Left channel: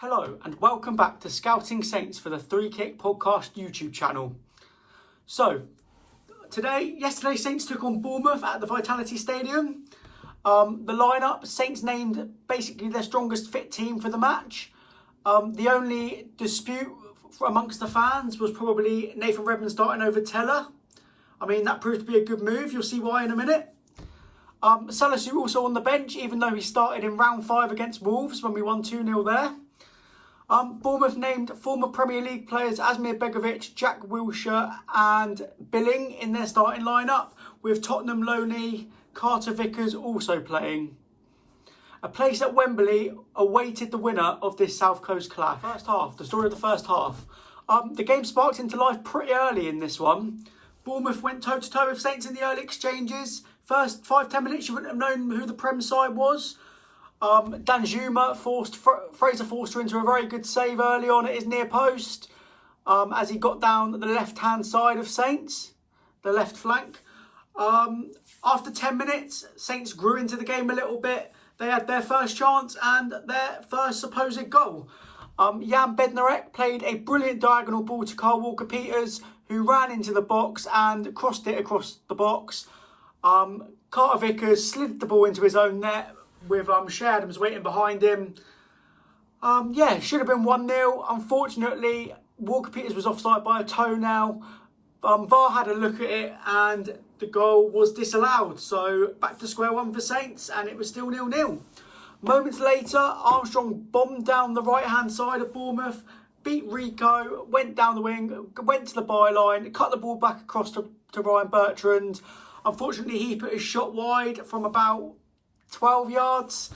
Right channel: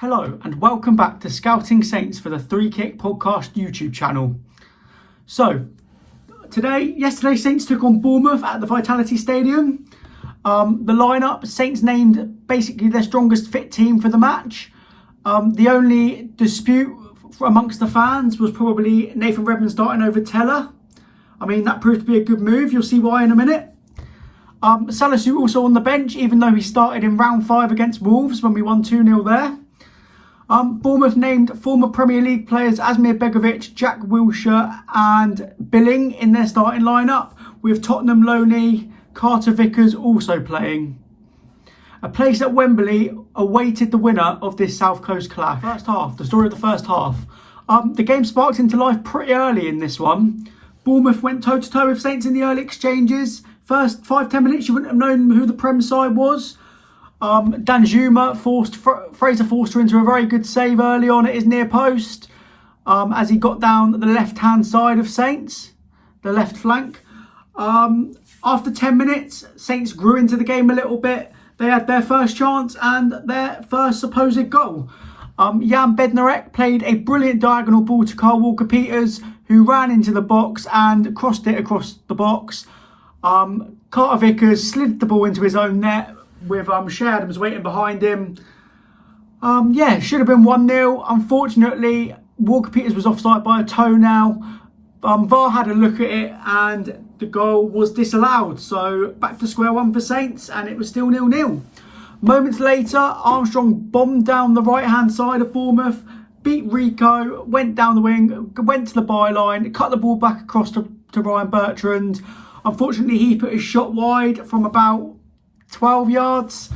Hello and welcome back to Scouting Saints for the Three Kick Podcast YouTube channel. So, yesterday Saints took on Bournemouth at the Vitality Stadium. The lineup, Saints named basically their strongest fit team for the match. The only dispute amongst the fans was probably Nathan Redmond starting over Teller. I mean, that proved to be a good move. You'll see why in a minute. Salisu also on the bench, even though he started in round 5 against Wolves when we won 2-0 there. Bournemouth named former Premier League players Asmir Begovic, Jack Wilshere and Billing in their starting lineup, with Tottenham loanee Carter Vickers also playing. A place at Wembley awaited the winner of this South Coast clash. First half, the story of the first half. The game sparked into life pretty early in this one. Bournemouth went toe-to-toe with Saints in the early exchanges. First 5-10 minutes, you wouldn't have known who the Prem side was. Danjuma forced Fraser Forster into a very good save early on at his near post as he got down the left-hand side of Saints, the left flank. After 10 minutes, Saints grew into the game a little bit. They had their first chance and their first supposed goal. Jan Bednarek played a brilliant diagonal ball to Kyle Walker-Peters, who ran into the box and crossed it across the box. Carter Vickers slid the ball into his own net, with Shea Adams waiting behind him. Should have been 1-0. Unfortunately, Walker-Peters was offside by a toe now. VAR had a look at it and the goal was disallowed. So back to square one for Saints, and it was still 0-0. Moments later, Armstrong bombed down the right-hand side of Bournemouth, beat Rico, went down the wing, went to the byline, cut the ball back across to Ryan Bertrand. Unfortunately, he put his shot wide from about 12 yards.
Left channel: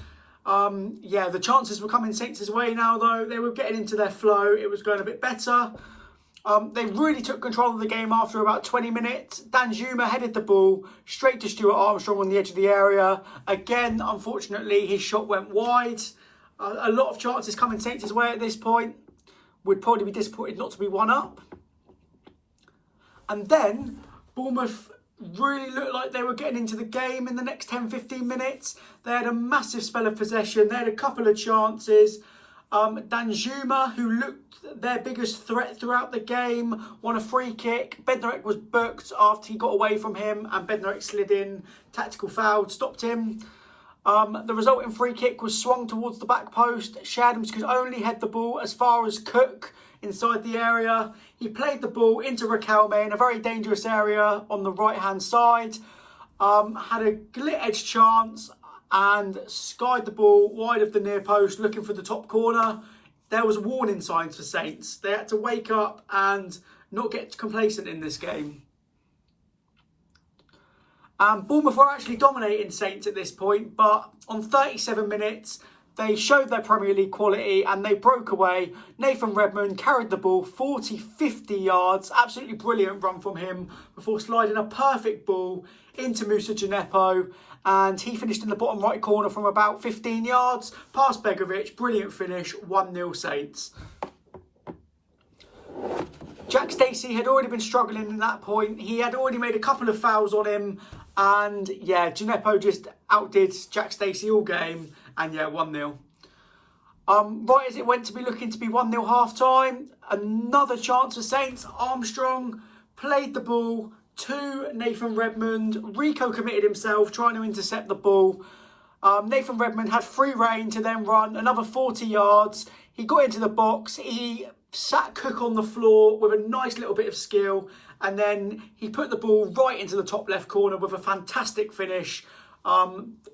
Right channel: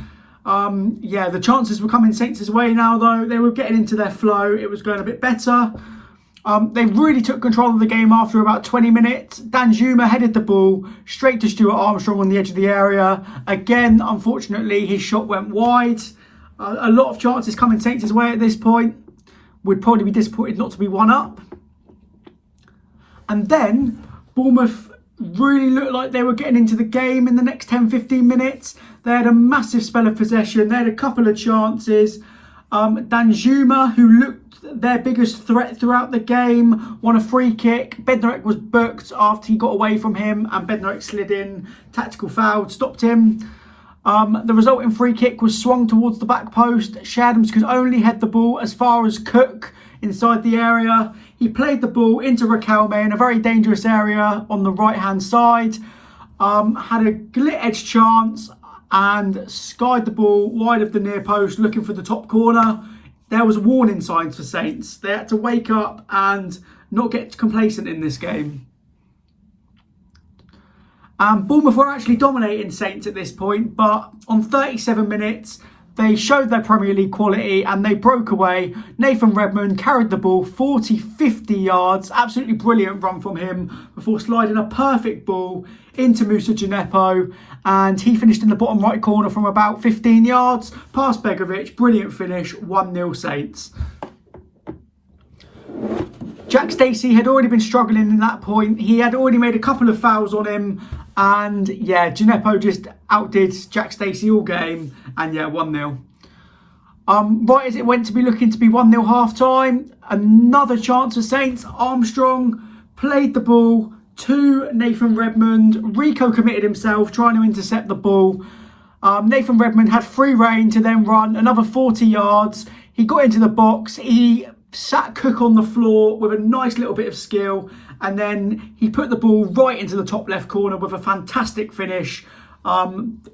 The chances were coming Saints' way now, though. They were getting into their flow. It was going a bit better. They really took control of the game after about 20 minutes. Danjuma headed the ball straight to Stuart Armstrong on the edge of the area. Again, unfortunately, his shot went wide. A lot of chances coming Saints' way at this point. Would probably be disappointed not to be one up. And then Bournemouth really looked like they were getting into the game in the next 10-15 minutes. They had a massive spell of possession. They had a couple of chances. Danjuma, who looked their biggest threat throughout the game, won a free kick. Bednarek was booked after he got away from him and Bednarek slid in. Tactical foul stopped him. The resulting free kick was swung towards the back post. Shea Adams could only head the ball as far as Cook inside the area. He played the ball into Riquelme in a very dangerous area on the right-hand side. Had a glit-edge chance and skied the ball wide of the near post looking for the top corner. There was warning signs for Saints. They had to wake up and not get complacent in this game. Bournemouth were actually dominating Saints at this point, but on 37 minutes, they showed their Premier League quality and they broke away. Nathan Redmond carried the ball 40-50 yards. Absolutely brilliant run from him before sliding a perfect ball into Moussa Djenepo. And he finished in the bottom right corner from about 15 yards. Past Begovic, brilliant finish, 1-0 Saints. Jack Stacey had already been struggling in that point. He had already made a couple of fouls on him. And Djenepo just outdid Jack Stacey all game. And 1-0. Right as it went to be looking to be 1-0 half time, another chance for Saints. Armstrong played the ball to Nathan Redmond. Rico committed himself trying to intercept the ball. Nathan Redmond had free rein to then run another 40 yards. He got into the box. He sat Cook on the floor with a nice little bit of skill, and then he put the ball right into the top left corner with a fantastic finish.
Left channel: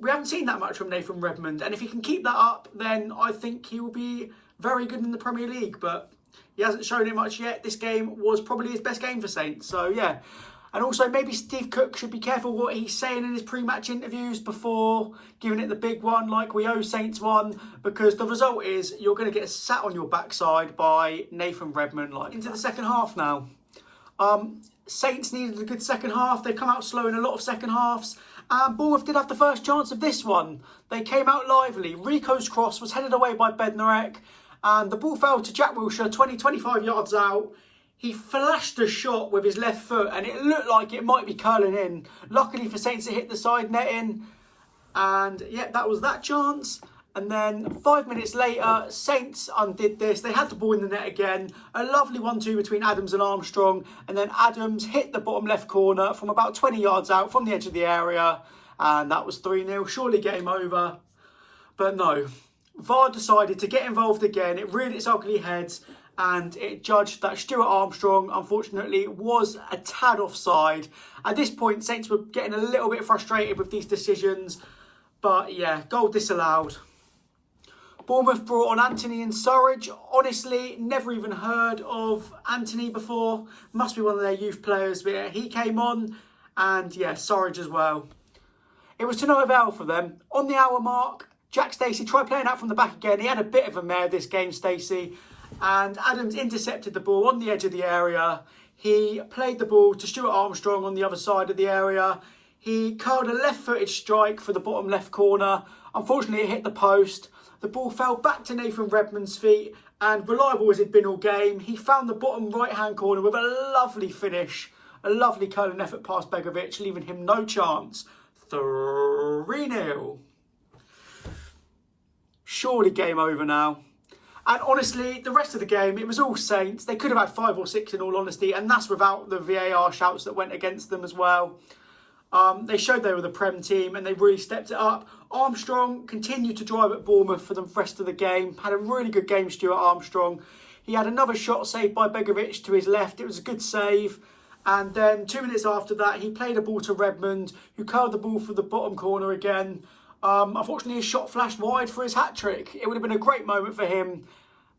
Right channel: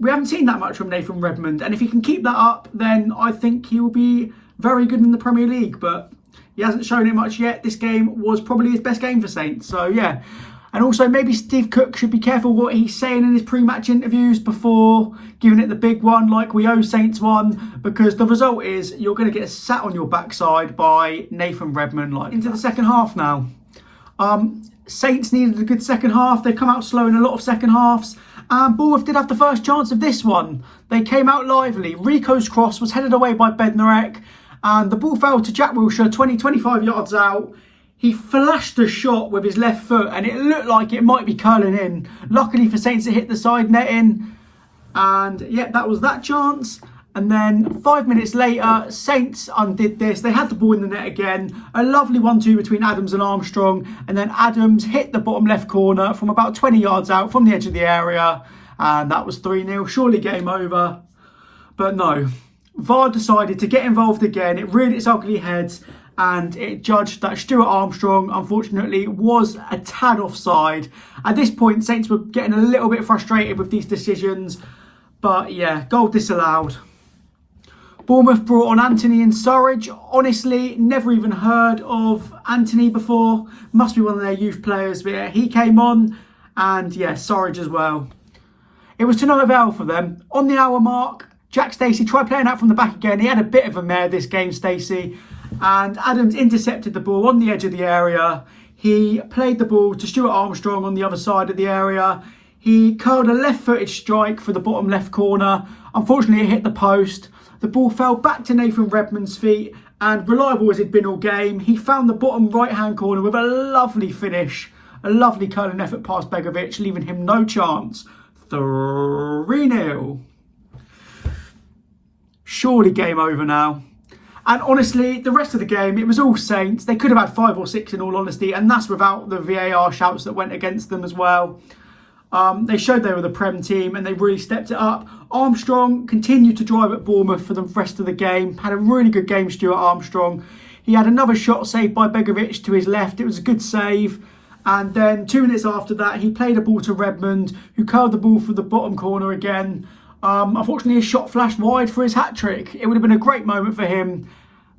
We haven't seen that much from Nathan Redmond, and if he can keep that up, then I think he will be very good in the Premier League, but he hasn't shown it much yet. This game was probably his best game for Saints, so yeah. And also maybe Steve Cook should be careful what he's saying in his pre-match interviews before giving it the big one like we owe Saints one, because the result is you're going to get sat on your backside by Nathan Redmond. Into the second half now. Saints needed a good second half. They come out slow in a lot of second halves. And Bournemouth did have the first chance of this one. They came out lively. Rico's cross was headed away by Bednarek, and the ball fell to Jack Wilshere 20-25 yards out. He flashed a shot with his left foot and it looked like it might be curling in. Luckily for Saints, it hit the side netting. And that was that chance. And then 5 minutes later, Saints undid this. They had the ball in the net again. A lovely 1-2 between Adams and Armstrong. And then Adams hit the bottom left corner from about 20 yards out from the edge of the area. And that was 3-0. Surely game over. But no. VAR decided to get involved again. It reared its ugly head. And it judged that Stuart Armstrong, unfortunately, was a tad offside. At this point, Saints were getting a little bit frustrated with these decisions. But yeah, goal disallowed. Bournemouth brought on Anthony and Surridge. Honestly, never even heard of Anthony before. Must be one of their youth players. But yeah, he came on. And yeah, Surridge as well. It was to no avail for them. On the hour mark, Jack Stacey tried playing out from the back again. He had a bit of a mare this game, Stacey. And Adams intercepted the ball on the edge of the area. He played the ball to Stuart Armstrong on the other side of the area. He curled a left-footed strike for the bottom left corner. Unfortunately, it hit the post. The ball fell back to Nathan Redmond's feet, and reliable as he'd been all game, he found the bottom right-hand corner with a lovely finish. A lovely curling effort past Begovic, leaving him no chance. 3-0. Surely game over now. And honestly, the rest of the game, it was all Saints. They could have had 5 or 6 in all honesty, and that's without the VAR shouts that went against them as well. They showed they were the Prem team and they really stepped it up. Armstrong continued to drive at Bournemouth for the rest of the game. Had a really good game, Stuart Armstrong. He had another shot saved by Begovic to his left. It was a good save. And then 2 minutes after that, he played a ball to Redmond, who curled the ball for the bottom corner again. Unfortunately, his shot flashed wide for his hat-trick. It would have been a great moment for him,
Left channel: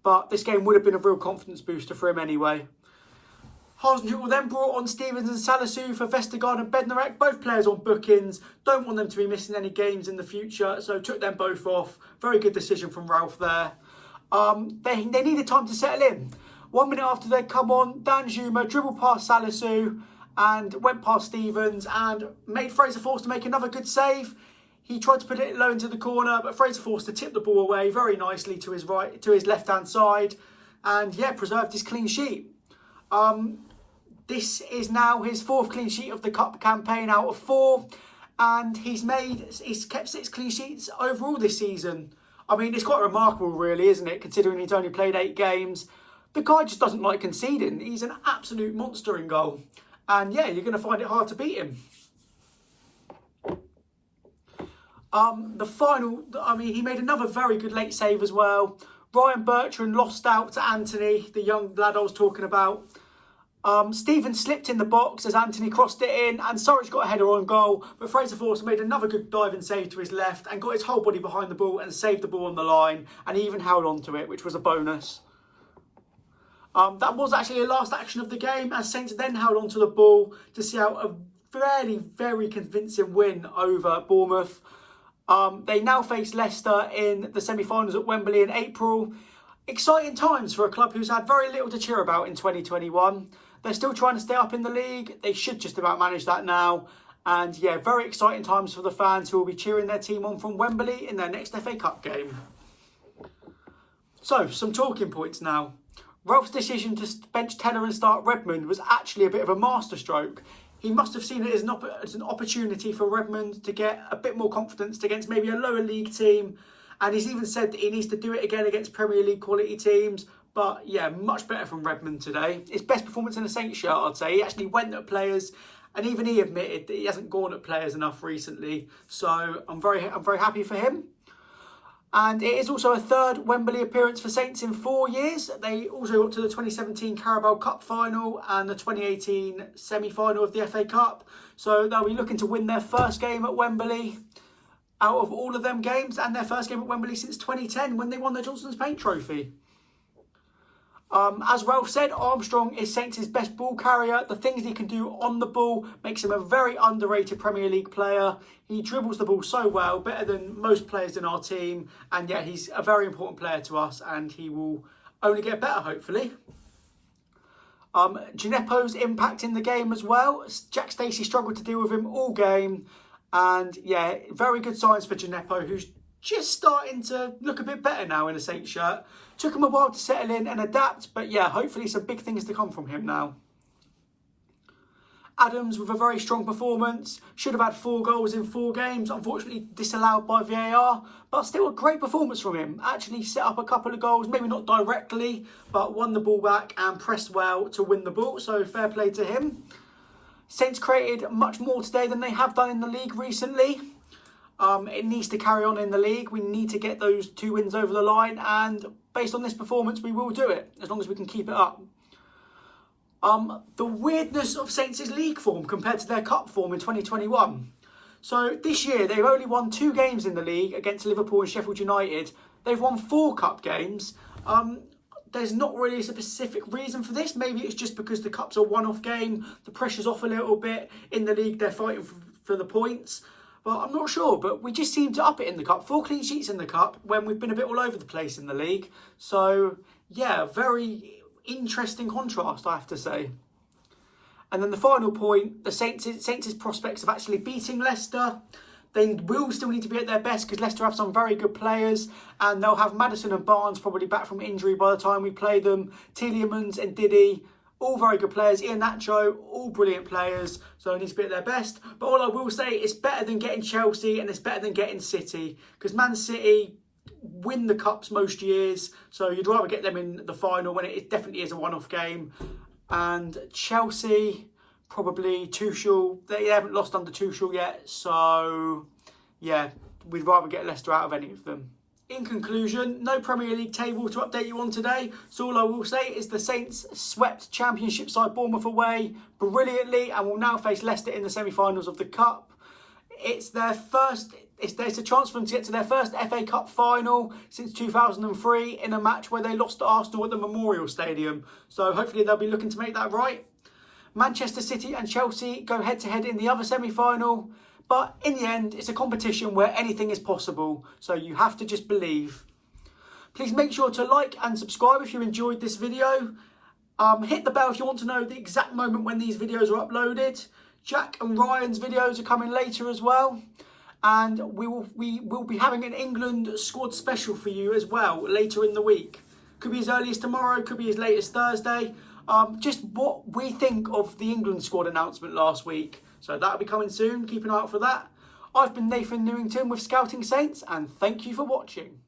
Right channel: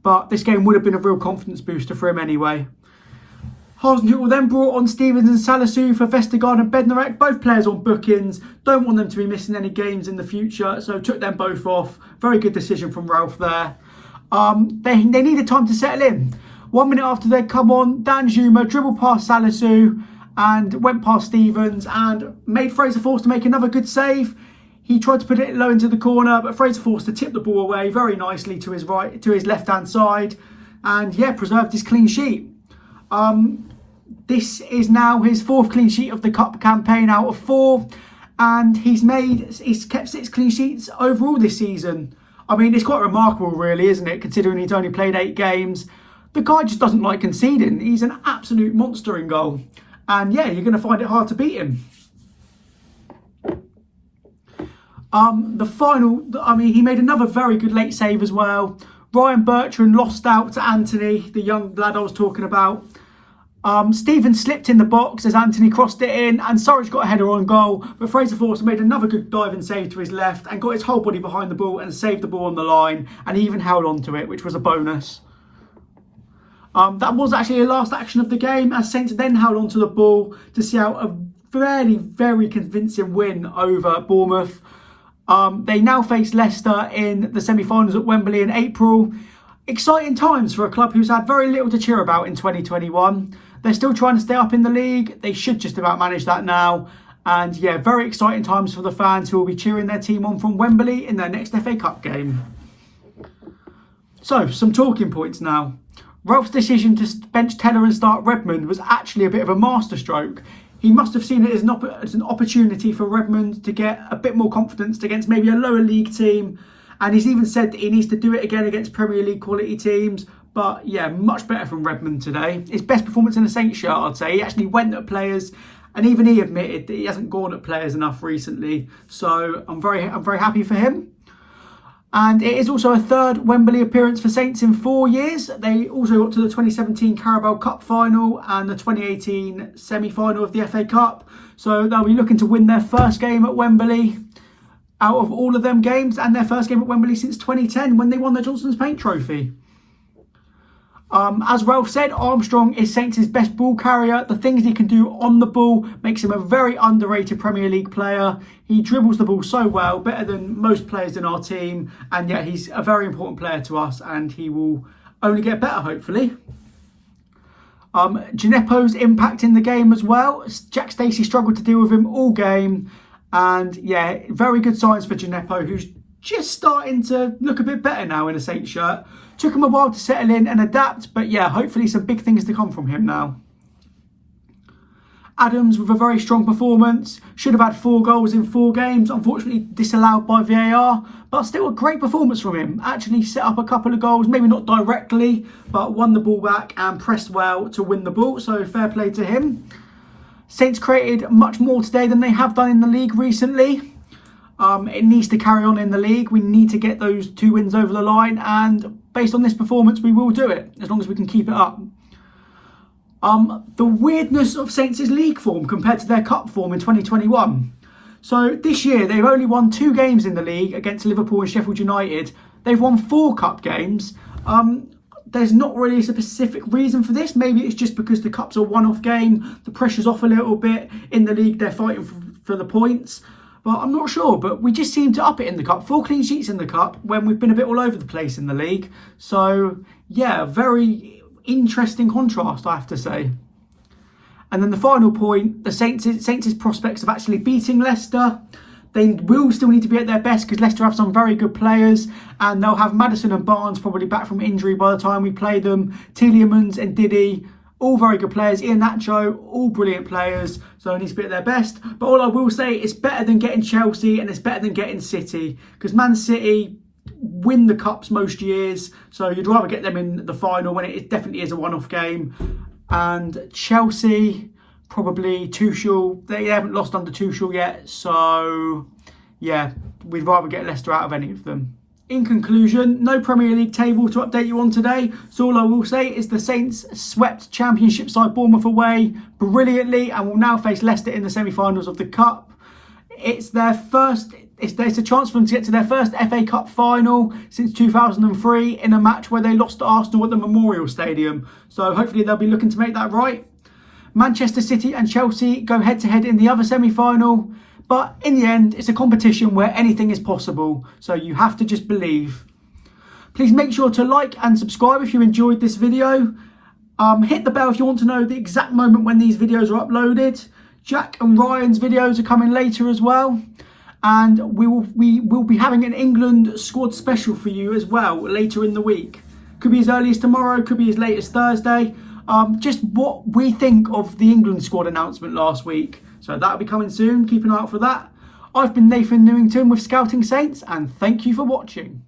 but this game would have been a real confidence booster for him anyway. Hasenhüttl then brought on Stevens and Salisu for Vestergaard and Bednarek, both players on bookings. Don't want them to be missing any games in the future, so took them both off. Very good decision from Ralph there. They needed time to settle in. 1 minute after they'd come on, Dan Zuma dribbled past Salisu and went past Stevens and made Fraser Forster make another good save. He tried to put it low into the corner, but Fraser Forster tipped the ball away very nicely to his right, to his left-hand side, and yeah, preserved his clean sheet. This is now his 4th clean sheet of the Cup campaign out of 4, and he's kept 6 clean sheets overall this season. I mean, it's quite remarkable really, isn't it, considering he's only played 8 games. The guy just doesn't like conceding. He's an absolute monster in goal. And yeah, you're going to find it hard to beat him. He made another very good late save as well. Ryan Bertrand lost out to Anthony, the young lad I was talking about. Stevens slipped in the box as Anthony crossed it in, and Surridge got a header on goal, but Fraser Forster made another good diving save to his left and got his whole body behind the ball and saved the ball on the line, and he even held on to it, which was a bonus. That was actually the last action of the game, as Saints then held on to the ball to see out a very convincing win over Bournemouth. They now face Leicester in the semi-finals at Wembley in April. Exciting times for a club who's had very little to cheer about in 2021. They're still trying to stay up in the league. They should just about manage that now. And yeah, very exciting times for the fans who will be cheering their team on from Wembley in their next FA Cup game. So, some talking points now. Ralph's decision to bench Teller and start Redmond was actually a bit of a masterstroke. He must have seen it as an opportunity for Redmond to get a bit more confidence against maybe a lower league team. And he's even said that he needs to do it again against Premier League quality teams. But yeah, much better from Redmond today. His best performance in a Saints shirt, I'd say. He actually went at players, and even he admitted that he hasn't gone at players enough recently. So I'm very happy for him. And it is also a 3rd Wembley appearance for Saints in 4 years. They also got to the 2017 Carabao Cup final and the 2018 semi-final of the FA Cup. So they'll be looking to win their first game at Wembley out of all of them games, and their first game at Wembley since 2010 when they won the Johnson's Paint Trophy. As Ralph said, Armstrong is Saints' best ball carrier. The things he can do on the ball makes him a very underrated Premier League player. He dribbles the ball so well, better than most players in our team. And yeah, he's a very important player to us, and he will only get better, hopefully. Gineppo's impact in the game as well. Jack Stacey struggled to deal with him all game. And yeah, very good signs for Gineppo, who's just starting to look a bit better now in a Saints shirt. Took him a while to settle in and adapt, but yeah, hopefully some big things to come from him now. Adams with a very strong performance. Should have had 4 goals in 4 games. Unfortunately disallowed by VAR. But still a great performance from him. Actually set up a couple of goals. Maybe not directly. But won the ball back and pressed well to win the ball. So fair play to him. Saints created much more today than they have done in the league recently. It needs to carry on in the league. We need to get those 2 wins over the line. And based on this performance, we will do it. As long as we can keep it up. The weirdness of Saints' league form compared to their cup form in 2021. So this year they've only won 2 games in the league against Liverpool and Sheffield United. They've won 4 cup games. There's not really a specific reason for this. Maybe it's just because the cup's a one-off game. The pressure's off a little bit. In the league they're fighting for the points. But I'm not sure. But we just seem to up it in the cup. 4 clean sheets in the cup when we've been a bit all over the place in the league. So yeah, very interesting contrast, I have to say. And then the final point, the Saints' prospects of actually beating Leicester. They will still need to be at their best because Leicester have some very good players, and they'll have Maddison and Barnes probably back from injury by the time we play them. Tielemans and Diddy, all very good players. Iheanacho, all brilliant players, so they need to be at their best. But all I will say, it's better than getting Chelsea and it's better than getting City, because Man City win the cups most years, so you'd rather get them in the final when it definitely is a one-off game. And Chelsea, probably Tuchel, they haven't lost under Tuchel yet, so yeah, we'd rather get Leicester out of any of them. In conclusion, no Premier League table to update you on today, so all I will say is the Saints swept Championship side Bournemouth away brilliantly and will now face Leicester in the semi-finals of the Cup. It's their first. It's a chance for them to get to their first FA Cup final since 2003 in a match where they lost to Arsenal at the Memorial Stadium. So hopefully they'll be looking to make that right. Manchester City and Chelsea go head-to-head in the other semi-final. But in the end, it's a competition where anything is possible. So you have to just believe. Please make sure to like and subscribe if you enjoyed this video. Hit the bell if you want to know the exact moment when these videos are uploaded. Jack and Ryan's videos are coming later as well. And we will be having an England squad special for you as well later in the week. Could be as early as tomorrow, could be as late as Thursday. Just what we think of the England squad announcement last week. So that'll be coming soon. Keep an eye out for that. I've been Nathan Newington with Scouting Saints, and thank you for watching.